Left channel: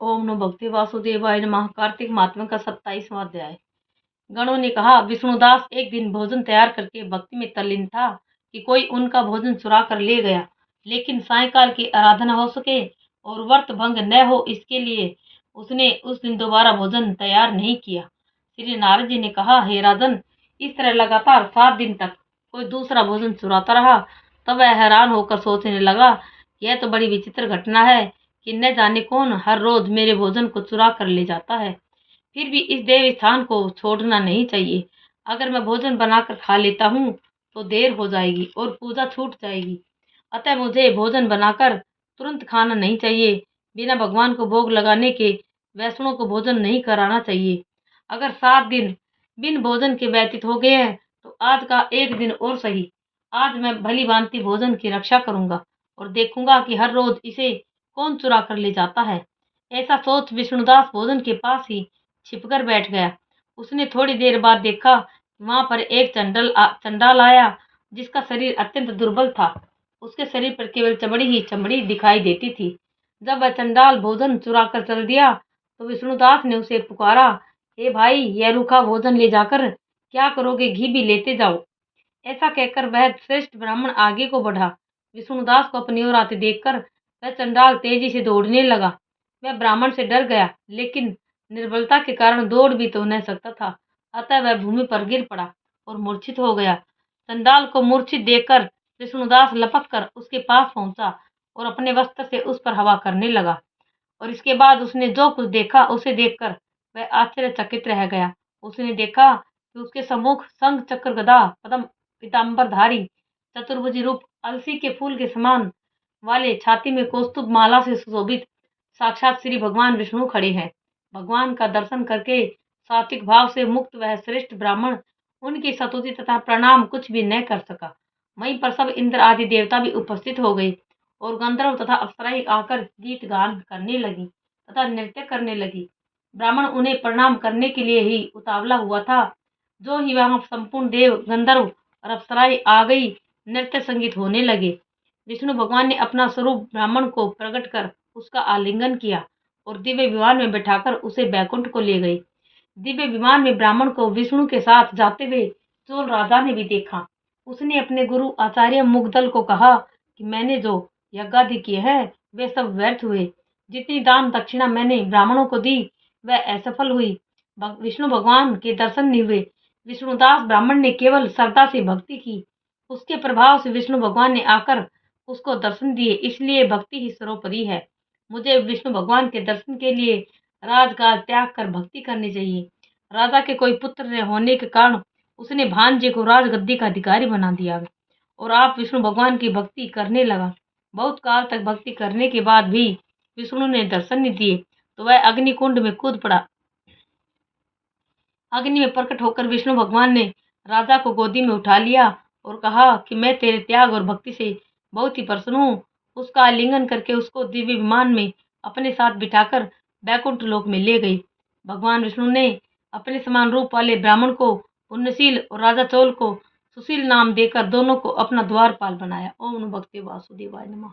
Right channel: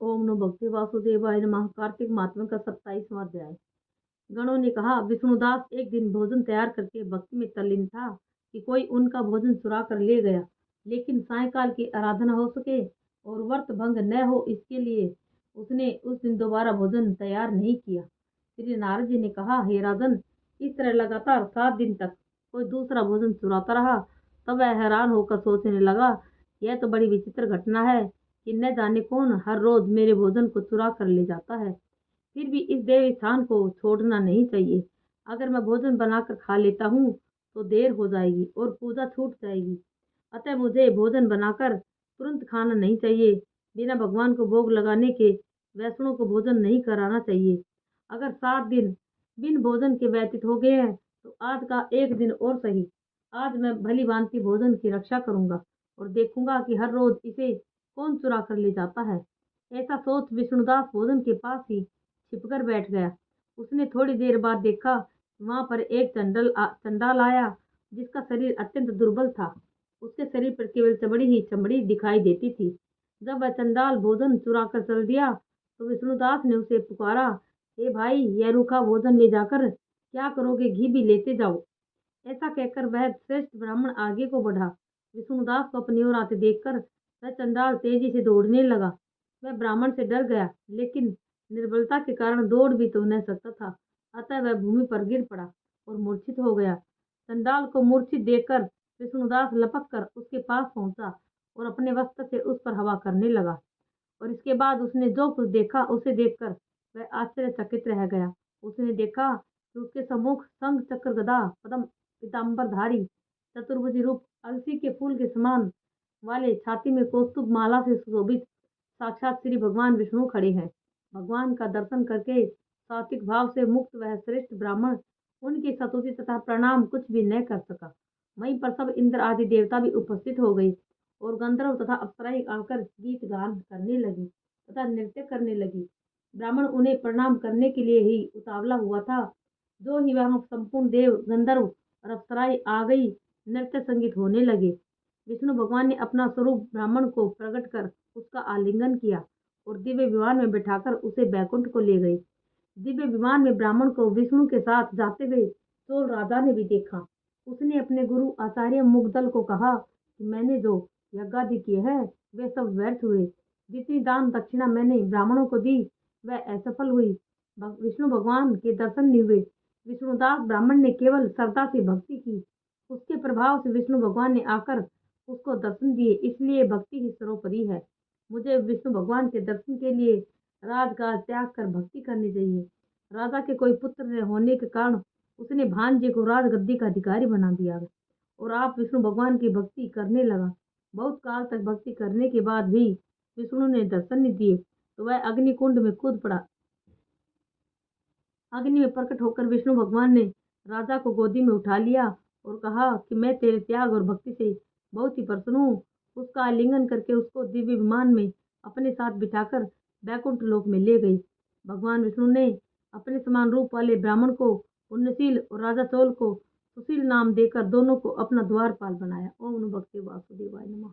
ओम नमो भगवते वासुदेवाय नमः। कार्तिक मातम का 27वां अध्याय। गणों ने कहा, विष्णुदास एक दिन भोजन तैयार करके भक्ति में तल्लीन था कि कोई उनका भोजन चुरा कर ले गया, लेकिन सायंकाल की आराधना हो सके और व्रत भंग न हो, इसके लिए उसने उस दिन दोबारा भोजन तैयार नहीं किया। श्री नारद जी ने कहा, हे राजन, इस तरह लगातार 7 दिन तक कोई दूसरा भोजन चुराता रहा। तब वह हैरान होकर सोचने लगा, यह तो बड़ी विचित्र घटना है कि न जाने कौन हर रोज मेरे भोजन को चुरा कर ले जाता है। फिर भी इस देव स्थान को छोड़ना नहीं चाहिए। अगर मैं भोजन बनाकर खा लेता हूँ तो देर हो जाएगी और पूजा छूट जाएगी। अतः मुझे भोजन बनाकर तुरंत खाना नहीं चाहिए। बिना भगवान को भोग लगाने के वैष्णव को भोजन नहीं कराना चाहिए। अगर 7 दिन बिन भोजन के व्यतीत हो गए हैं तो आज का एक दिन और सही। आज मैं भली भांति भोजन की रक्षा करूंगा और देखूंगा कि हर रोज इसे कौन चुरा कर ले जाता है। ऐसा सोच विष्णुदास भोजन के पास ही छिपकर बैठ गया। उसने थोड़ी देर बाद देखा, वहां पर एक चंडाल आया, जिसका शरीर अत्यंत दुर्बल था। उसके शरीर पर केवल चमड़ी ही चमड़ी दिखाई देती थी। जब वह चंडाल भोजन चुरा कर चल दिया तो विष्णुदास ने उसे पुकारा, हे भाई, यह रूखा भोजन ले जाकर क्या करोगे? घी भी लेते जाओ। ऐसा कहकर वह श्रेष्ठ ब्राह्मण आगे को बढ़ा। विष्णुदास को अपनी ओर आते देखकर वह चंडाल तेजी से दौड़ने लगा। वह ब्राह्मण से डर गया, लेकिन निर्बलता के कारण दौड़ भी तो न सकता था। अतः वह भूमि पर गिर पड़ा और मूर्छित हो गया। चंडाल को मूर्छित देखकर विष्णुदास लपक कर उसके पास पहुंचा और अपने वस्त्र से उस पर हवा करने लगा। और इसके बाद उसने जो कुछ देखा, उसे देखकर वह आश्चर्यचकित रह गया। उसने देखा कि उसके सम्मुख शंख चक्र गदा पद्म पीताम्बरधारी चतुर्भुजी रूप अलसी के फूल के समान वाले, छाती में कौस्तुभ माला से सुशोभित साक्षात श्री भगवान विष्णु खड़े हैं। भगवान का दर्शन करके सात्विक भाव से मुक्त वह श्रेष्ठ ब्राह्मण उनकी स्तुति तथा प्रणाम कुछ भी न कर सका। वहीं पर सब इंद्र आदि देवता भी उपस्थित हो गए और गंधर्व तथा अप्सराएं आकर गीत गान करने लगी तथा नृत्य करने लगी। ब्राह्मण उन्हें प्रणाम करने के लिए ही उतावला हुआ था। जो ही वहां संपूर्ण देव, गंधर्व और अप्सराएं आ गई, नृत्य संगीत होने लगे। विष्णु भगवान ने अपना स्वरूप ब्राह्मण को प्रकट कर उसका आलिंगन किया और दिव्य विमान में बैठाकर उसे बैकुंठ को ले गए। दिव्य विमान में ब्राह्मण को विष्णु के साथ जाते हुए चोल राजा ने भी देखा। उसने अपने गुरु आचार्य मुग्दल को कहा कि मैंने जो यज्ञादि किए हैं वे सब व्यर्थ हुए। जितनी दान दक्षिणा मैंने ब्राह्मणों को दी वह असफल हुई। विष्णु भगवान के दर्शन नहीं हुए। विष्णुदास ब्राह्मण ने केवल श्रद्धा से भक्ति की। उसके प्रभाव से विष्णु भगवान ने आकर उसको दर्शन दिए, इसलिए भक्ति ही सर्वोपरि है। मुझे विष्णु भगवान के दर्शन के लिए राजकाज त्याग कर भक्ति करनी चाहिए। राजा के कोई पुत्र न होने के कारण उसने भांजे को राजगद्दी का अधिकारी बना दिया और आप विष्णु भगवान की भक्ति करने लगा। बहुत काल तक भक्ति करने के बाद भी विष्णु ने दर्शन नहीं दिए तो वह अग्निकुंड में कूद पड़ा। अग्नि में प्रकट होकर विष्णु भगवान ने राजा को गोदी में उठा लिया और कहा कि मैं तेरे त्याग और भक्ति से बहुत ही प्रसन्न हूँ। उसका आलिंगन करके उसको दिव्य विमान में अपने साथ बिठाकर बैकुंठ लोक में ले गई। भगवान विष्णु ने अपने समान रूप वाले ब्राह्मण को पुण्यशील और राजा चोल को सुशील नाम देकर दोनों को अपना द्वारपाल बनाया। ओम नमो भगवते वासुदेवाय नमः।